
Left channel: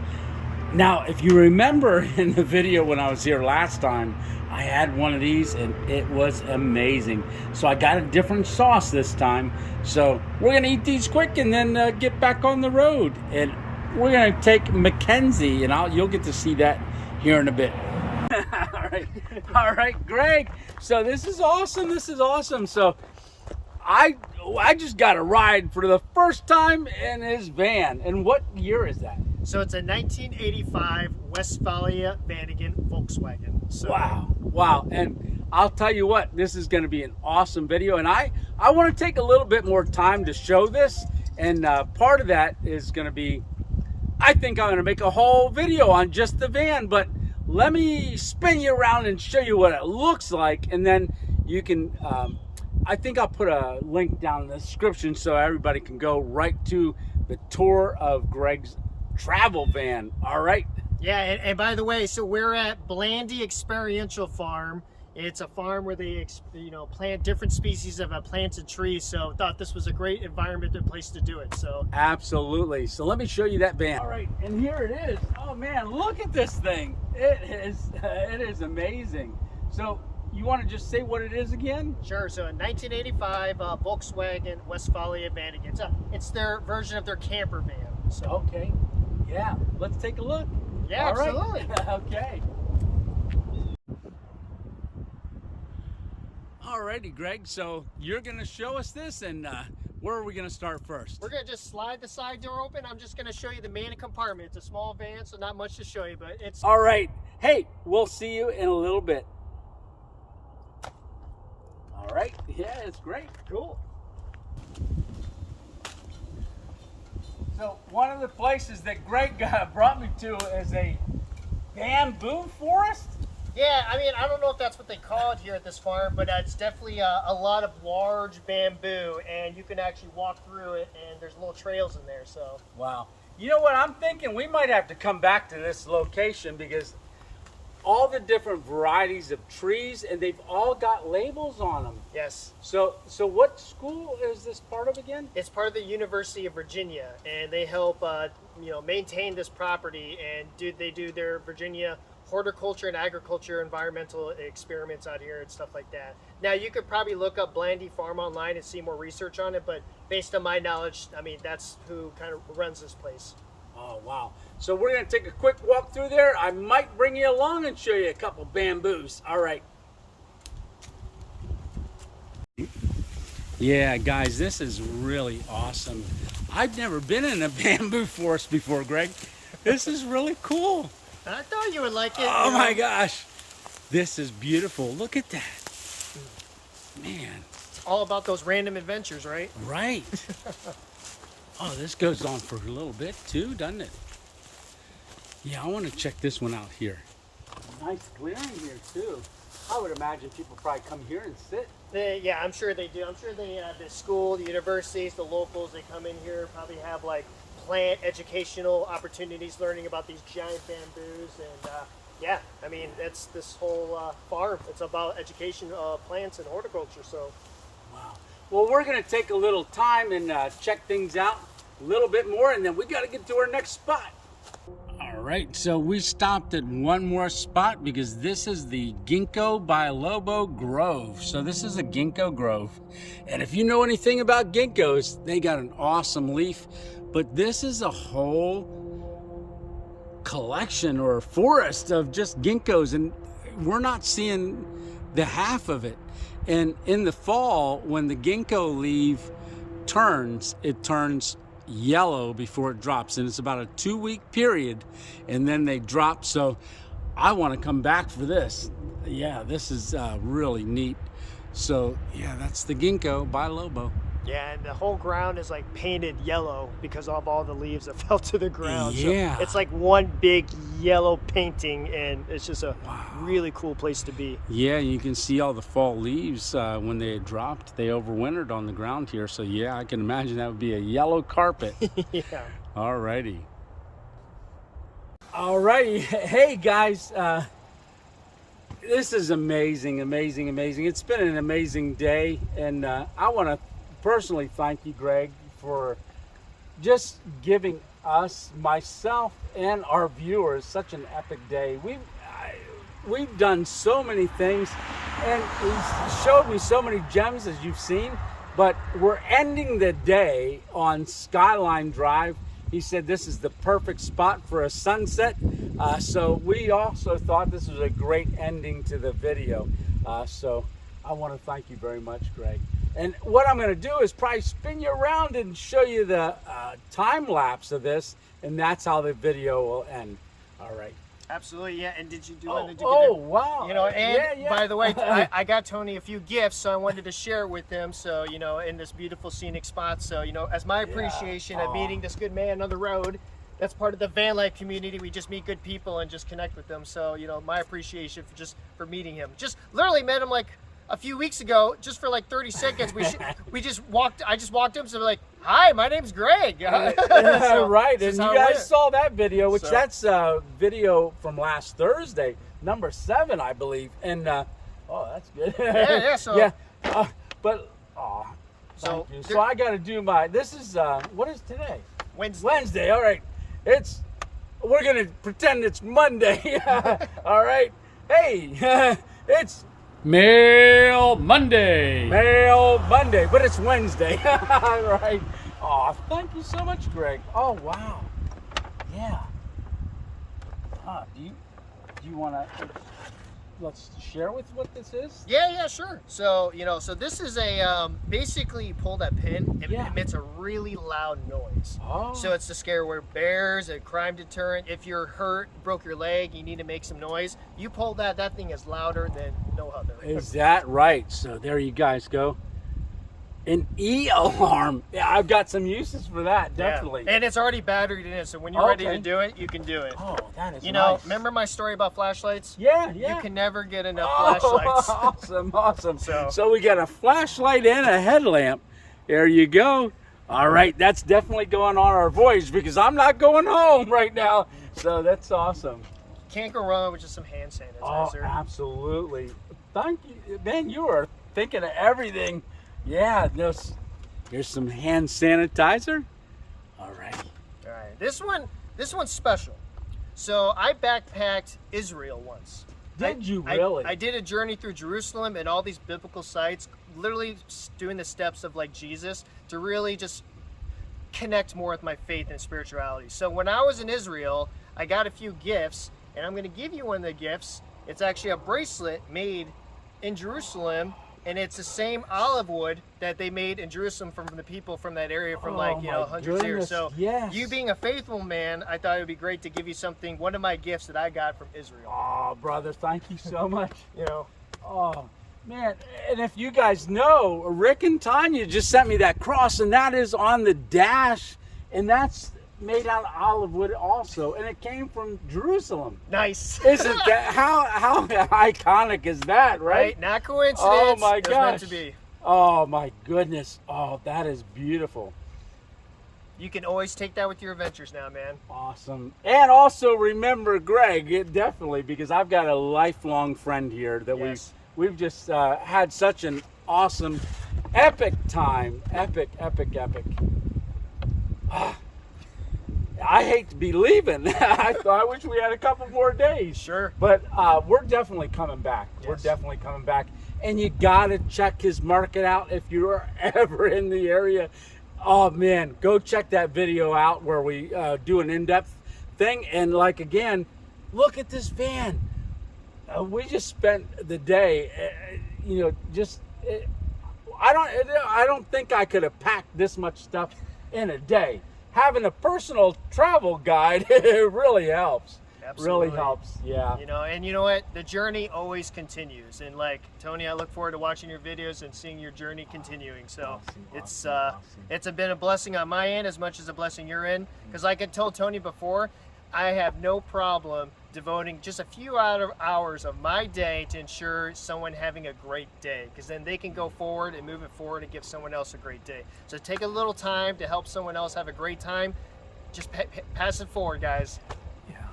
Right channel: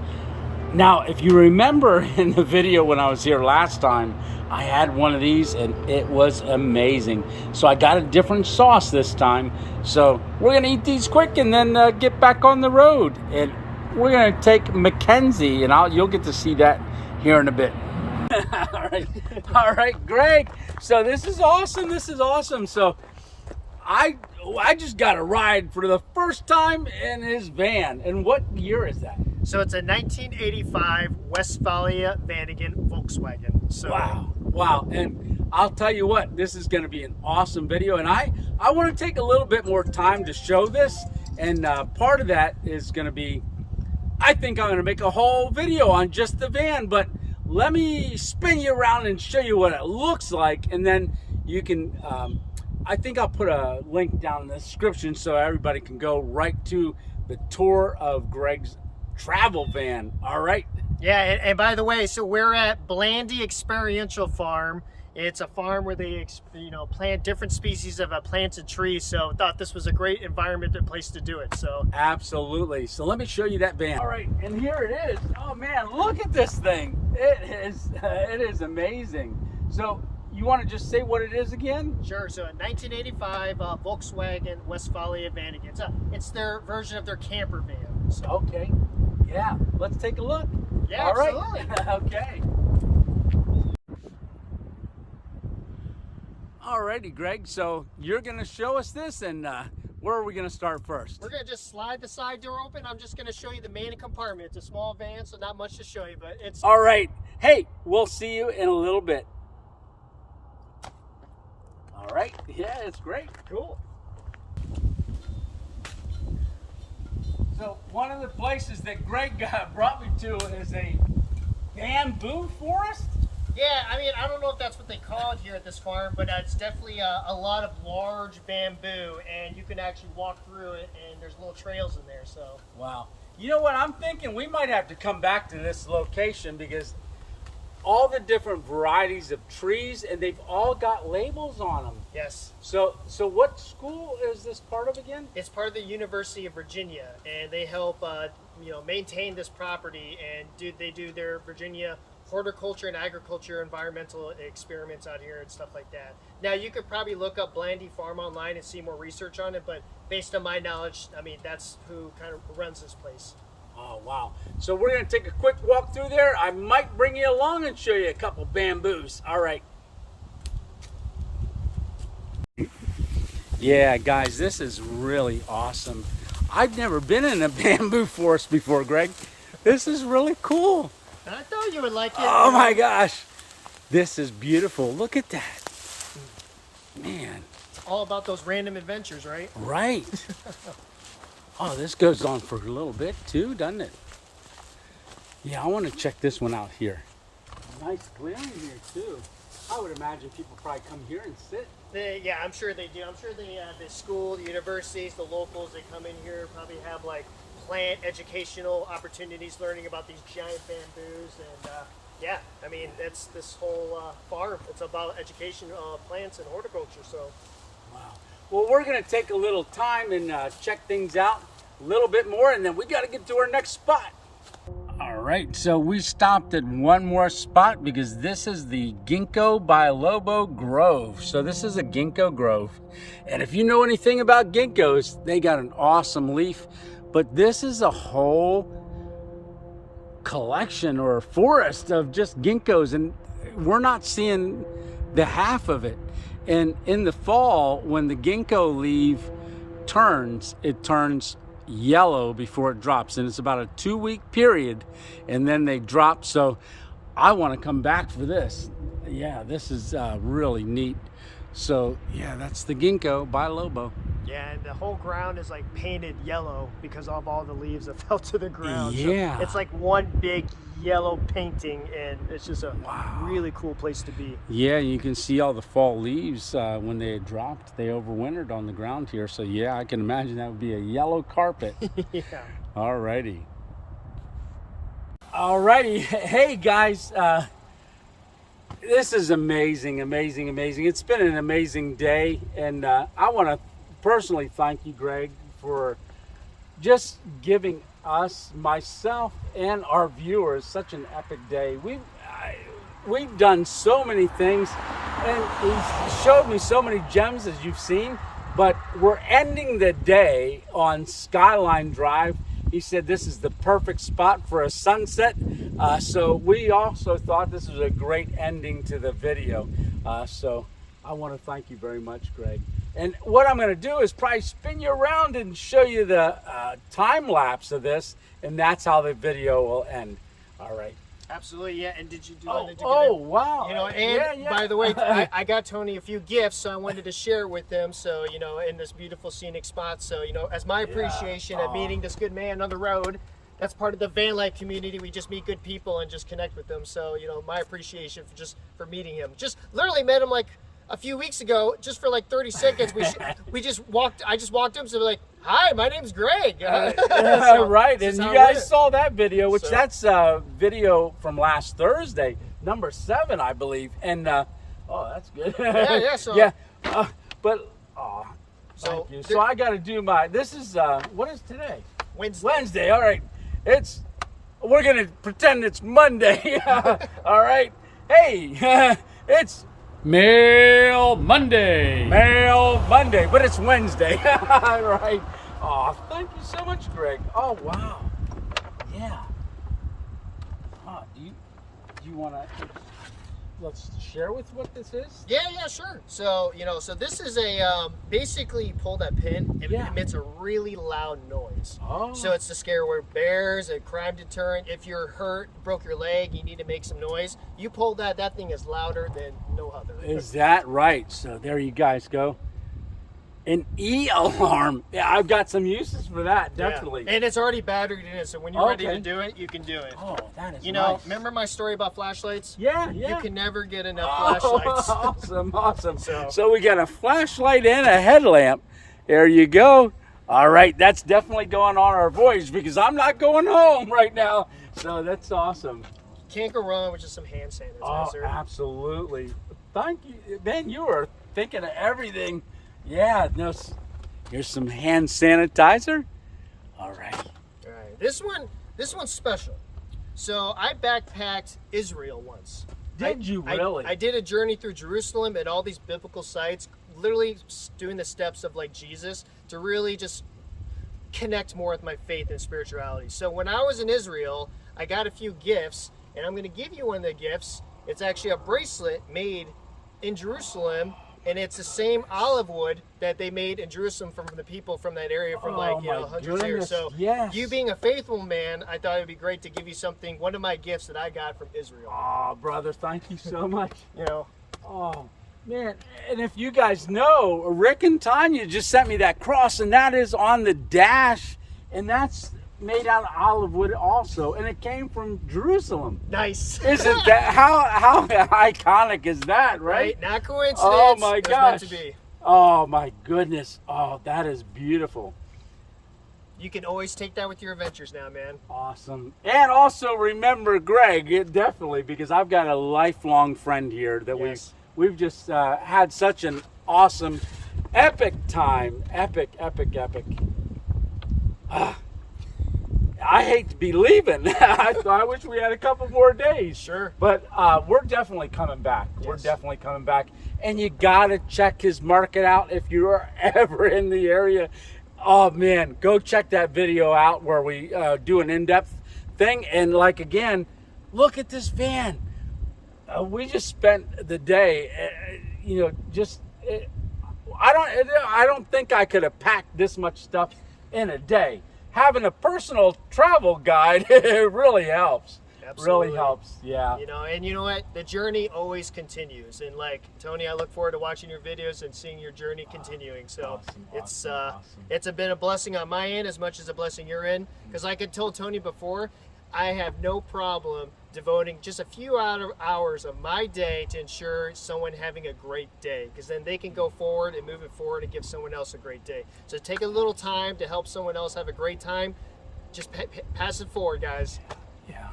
Now, if you remember in the video when I was here last time, I had one of these and it was amazing. So I got a different sauce this time. So we're going to eat these quick and then get back on the road. And we're going to take Mackenzie, and you'll get to see that here in a bit. All right, Greg. So this is awesome. So I just got a ride for the first time in his van. And what year is that? So it's a 1985 Westphalia Vanagon Volkswagen. So wow. And I'll tell you what, this is going to be an awesome video. And I want to take a little bit more time to show this. And part of that is going to be, I think I'm going to make a whole video on just the van. But let me spin you around and show you what it looks like. And then you can, I think I'll put a link down in the description so everybody can go right to the tour of Greg's travel van. All right. Yeah, and by the way, so we're at Blandy Experiential Farm. It's a farm where they plant different species of plants and trees. So I thought this was a great environment and place to do it. So absolutely. So let me show you that van. All right, and here it is. Oh man, look at this thing. It is amazing. So you want to just say what it is again? Sure. So a 1985 Volkswagen Westphalia Vanagon. It's their version of their camper van. So okay. Yeah, let's take a look. Yeah, all absolutely. Right. Okay. Alrighty, Greg. So you're going to show us this, and where are we going to start first? We're going to just slide the side door open. I'm just going to show you the main compartment. It's a small van, so not much to show you, but it's... All right. Hey, we'll see you in a little bit. All right. Yeah, it's great. Cool. So one of the places that Greg brought me to is a bamboo forest. Yeah, I mean, I don't know if that's what they call it here at this farm, but it's definitely a lot of large bamboo, and you can actually walk through it, and there's little trails in there. So. Wow. You know what, I'm thinking we might have to come back to this location because all the different varieties of trees, and they've all got labels on them. Yes. So what school is this part of again? It's part of the University of Virginia, and they help maintain this property, and they do their Virginia horticulture and agriculture environmental experiments out here and stuff like that. Now, you could probably look up Blandy Farm online and see more research on it, but based on my knowledge, I mean, that's who kind of runs this place. Oh, wow. So we're going to take a quick walk through there. I might bring you along and show you a couple bamboos. All right. Yeah, guys, this is really awesome. I've never been in a bamboo forest before, Greg. This is really cool. I thought you would like it. Oh my gosh. This is beautiful. Look at that. Man. It's all about those random adventures, right? Right. Oh, this goes on for a little bit too, doesn't it? Yeah, I want to check this one out here. Nice clearing here too. I would imagine people probably come here and sit. Yeah, I'm sure they do. I'm sure the school, the universities, the locals, they come in here, probably have like plant educational opportunities, learning about these giant bamboos, and yeah, I mean, it's this whole farm. It's about education of plants and horticulture. So, wow. Well, we're going to take a little time and check things out a little bit more, and then we got to get to our next spot. All right, so we stopped at one more spot because this is the Ginkgo by Lobo Grove. So this is a ginkgo grove, and if you know anything about ginkgos, they got an awesome leaf. But this is a whole collection or forest of just ginkgos, and we're not seeing the half of it. And in the fall, when the ginkgo leaf turns, it turns yellow before it drops. And it's about a 2-week period, and then they drop. So I want to come back for this. Yeah, this is really neat. So yeah, that's the ginkgo by Lobo. yeah, and the whole ground is like painted yellow because of all the leaves that fell to the ground. Yeah. So it's like one big yellow painting, and it's just a really cool place to be. Yeah, you can see all the fall leaves when they had dropped. They overwintered on the ground here. So yeah, I can imagine that would be a yellow carpet. Yeah. All righty. All righty. Hey, guys. This is amazing, amazing, amazing. It's been an amazing day. And I want to personally thank you, Greg, for just giving us, myself, and our viewers such an epic day. We've done so many things, and he's showed me so many gems, as you've seen, but we're ending the day on Skyline Drive. He said this is the perfect spot for a sunset, so we also thought this was a great ending to the video. So I want to thank you very much, Greg. And what I'm going to do is probably spin you around and show you the time lapse of this, and that's how the video will end. All right. Absolutely, yeah. And did you do Oh, it? wow. You know, and yeah. by the way, I got Tony a few gifts, so I wanted to share with him. So, you know, in this beautiful scenic spot. So, you know, as my appreciation at meeting this good man on the road, that's part of the van life community. We just meet good people and just connect with them. So, you know, my appreciation for meeting him. Just literally met him like a few weeks ago, just for like 30 seconds. I just walked him, so we're like, hi, my name's Greg. So, right, and you guys saw that video, which that's a video from last Thursday, number 7, I believe. And oh, that's good. Yeah. So yeah, but thank you. So I got to do my. This is what is today? Wednesday. All right, we're gonna pretend it's Monday. All right. Hey, it's Mail Monday, but it's Wednesday. Right. Oh, thank you so much, Greg. Oh, wow. Yeah. Do you want to let's share with what this is? Yeah, sure. So, you know, so this is a basically you pull that pin, it emits a really loud noise. Oh. So it's to scare away bears, a crime deterrent. If you're hurt, broke your leg, you need to make some noise. You pull that thing is louder than no other. Is that right? So there you guys go. An E-alarm. Yeah, I've got some uses for that, definitely. Yeah. And it's already batteried in, so when you're ready to do it, you can do it. Oh, that is You know, nice. remember my story about flashlights? Yeah. You can never get enough flashlights. Awesome. So we got a flashlight and a headlamp. There you go. All right, that's definitely going on our voyage because I'm not going home right now. So that's awesome. Can't go wrong with just some hand sanitizer. Oh, absolutely. Thank you. Man, you are thinking of everything. Yeah, here's some hand sanitizer. All right. All right. This one's special. So I backpacked Israel once. Did you really? I did a journey through Jerusalem and all these biblical sites, literally doing the steps of like Jesus to really just connect more with my faith and spirituality. So when I was in Israel, I got a few gifts, and I'm going to give you one of the gifts. It's actually a bracelet made in Jerusalem, and it's the same olive wood that they made in Jerusalem from the people from that area from hundreds of years. So you being a faithful man, I thought it would be great to give you something, one of my gifts that I got from Israel. Oh, brother, thank you so much. You know. Oh, man. And if you guys know, Rick and Tanya just sent me that cross, and that is on the dash, and that's made out of olive wood also, and it came from Jerusalem. Nice. Isn't that how iconic is that, right? Not coincidence. Oh my gosh. Meant to be. Oh my goodness. Oh, that is beautiful. You can always take that with your adventures now, man. Awesome. And also remember Greg, definitely, because I've got a lifelong friend here that we've just had such an awesome, epic time. Epic. I hate to be leaving. I wish we had a couple more days. Sure. But we're definitely coming back. Yes. We're definitely coming back. And you got to check his market out if you're ever in the area. Oh, man, go check that video out where we do an in-depth thing. And, like, again, look at this van. We just spent the day, I don't think I could have packed this much stuff in a day. Having a personal travel guide, it really helps. Absolutely. Really helps, yeah. You know, and you know what? The journey always continues. And like Tony, I look forward to watching your videos and seeing your journey continuing. So it's been a blessing on my end as much as a blessing you're in. Because like I told Tony before, I have no problem devoting just a few hours of my day to ensure someone having a great day, because then they can go forward and move it forward and give someone else a great day. So take a little time to help someone else have a great time. Just pass it forward, guys. Yeah.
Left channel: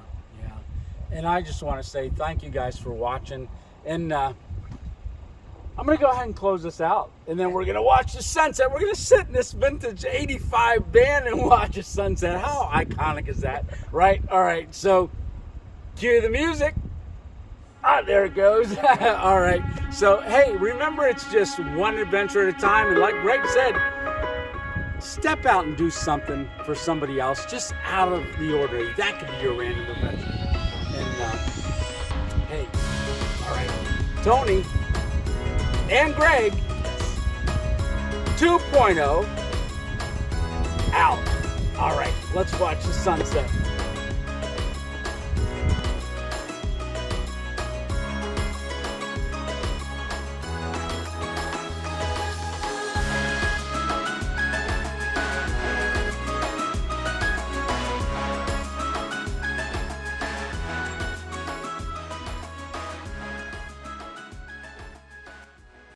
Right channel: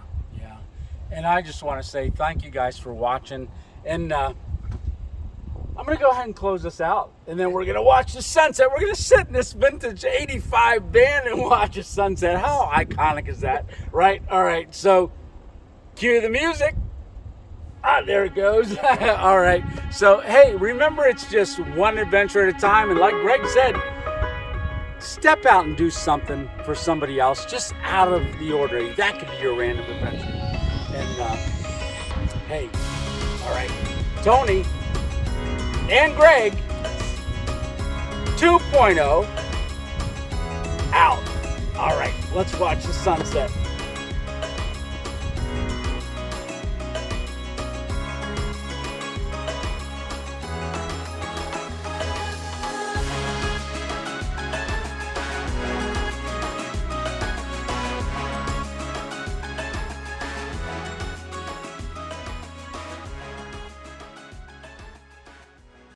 And I just want to say thank you guys for watching. And I'm going to go ahead and close this out. And then we're going to watch the sunset. We're going to sit in this vintage 85 van and watch the sunset. How iconic is that, right? All right, so cue the music. There it goes. All right. So, hey, remember, it's just one adventure at a time. And like Greg said, step out and do something for somebody else, just out of the ordinary. That could be your random adventure. And, hey, all right, Tony and Greg 2.0 out. All right, let's watch the sunset.